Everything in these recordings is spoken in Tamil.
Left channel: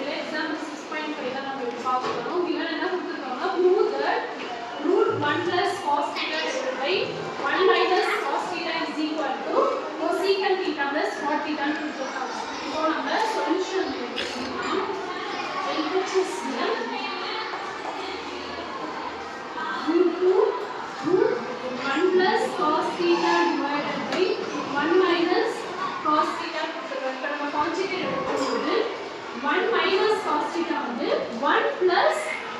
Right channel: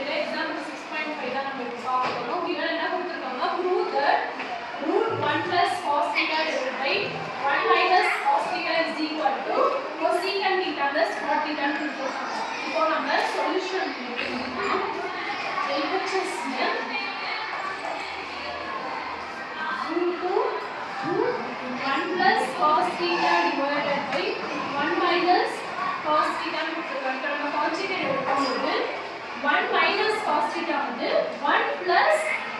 தெரியல எக்ஸாம்பிள் 6.5 தான் நம்ம இப்போ பார்க்க போறோம். இவங்க என்ன கொடுத்திருக்காங்க prove that √1 plus cos theta divided by 1 minus cos theta is equal to cosecant theta plus cot theta ன்னு கொடுத்திருக்காங்க. இப்போ நம்ம சொல்யூஷன் எழுதலாம். LHS √1 plus cos theta divided by 1 minus cos theta கொடுத்திருக்காங்க. இப்போ நம்ம கான்ஜுகேட் எடுக்கும்போது 1 minus cos theta வந்து 1 plus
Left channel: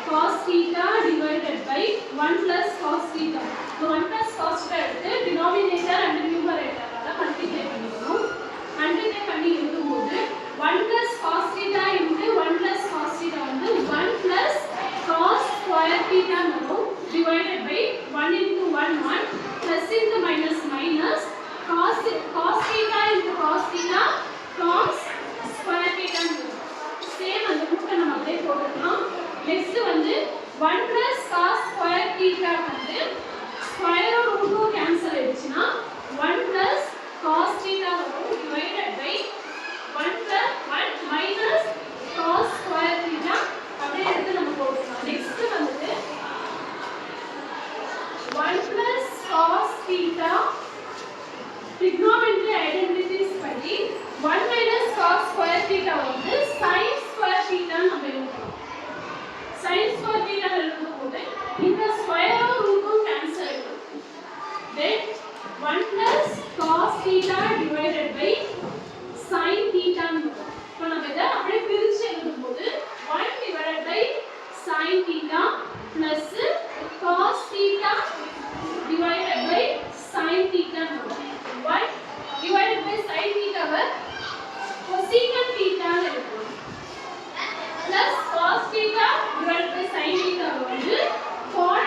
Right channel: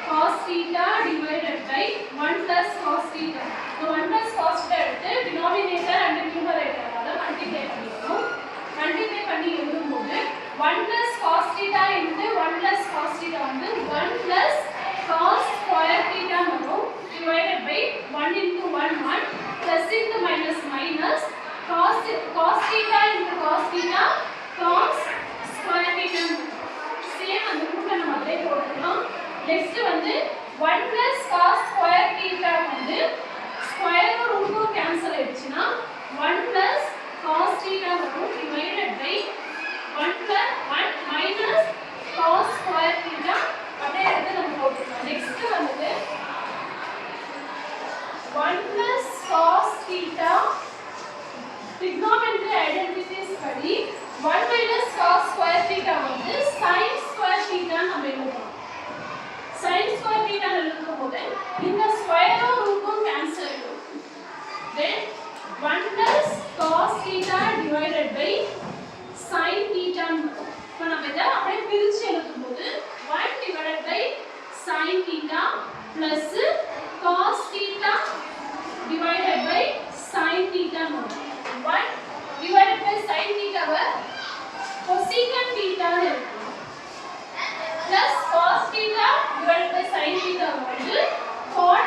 cos theta divided by 1 plus cos theta. So 1 plus cos theta எடுத்து denominator and numerator ஆல மல்டிப்ளை பண்ணிக்கணும். மல்டிப்ளை பண்ணி எழுதும்போது 1 plus cos theta into 1 plus cos theta வந்து 1 plus cos square theta வரும் divided by 1 into 1 1 plus into minus minus cos theta into cos theta cos square theta வரும். சேம் அந்த ரூட்ல நம்ம அப்படியே போட்டுக்கலாம். நெக்ஸ்ட் வந்து 1 plus cos square theta வந்து ஸ்கொயர் ரூட் கேன்சல் ஆயிடுச்சுனா 1 plus cos theta வரும் divided by 1 plus 1 minus cos square theta அப்படியே எடுத்து நம்ம போட்டுக்கலாம். நெக்ஸ்ட் வந்து 1 plus cos theta trigonometry identities படி 1 minus cos square theta வந்து sin square theta நம்ம எழுதலாம். sin square theta எழுதும்போது இந்த ஸ்கொயரும் ரூட்டும் கேன்சல் ஆயிடும். then 1 plus cos theta divided by sin theta ன்னு வரும். இப்போ நம்ம இத அப்படியே பிரிச்சு எழுதும்போது 1 divided by sin theta plus cos theta divided by sin theta ன்னு வரும். 1 divided by sin theta why cosecant theta ன்னு எழுதலாம். plus cos theta divided by sin theta வந்து cot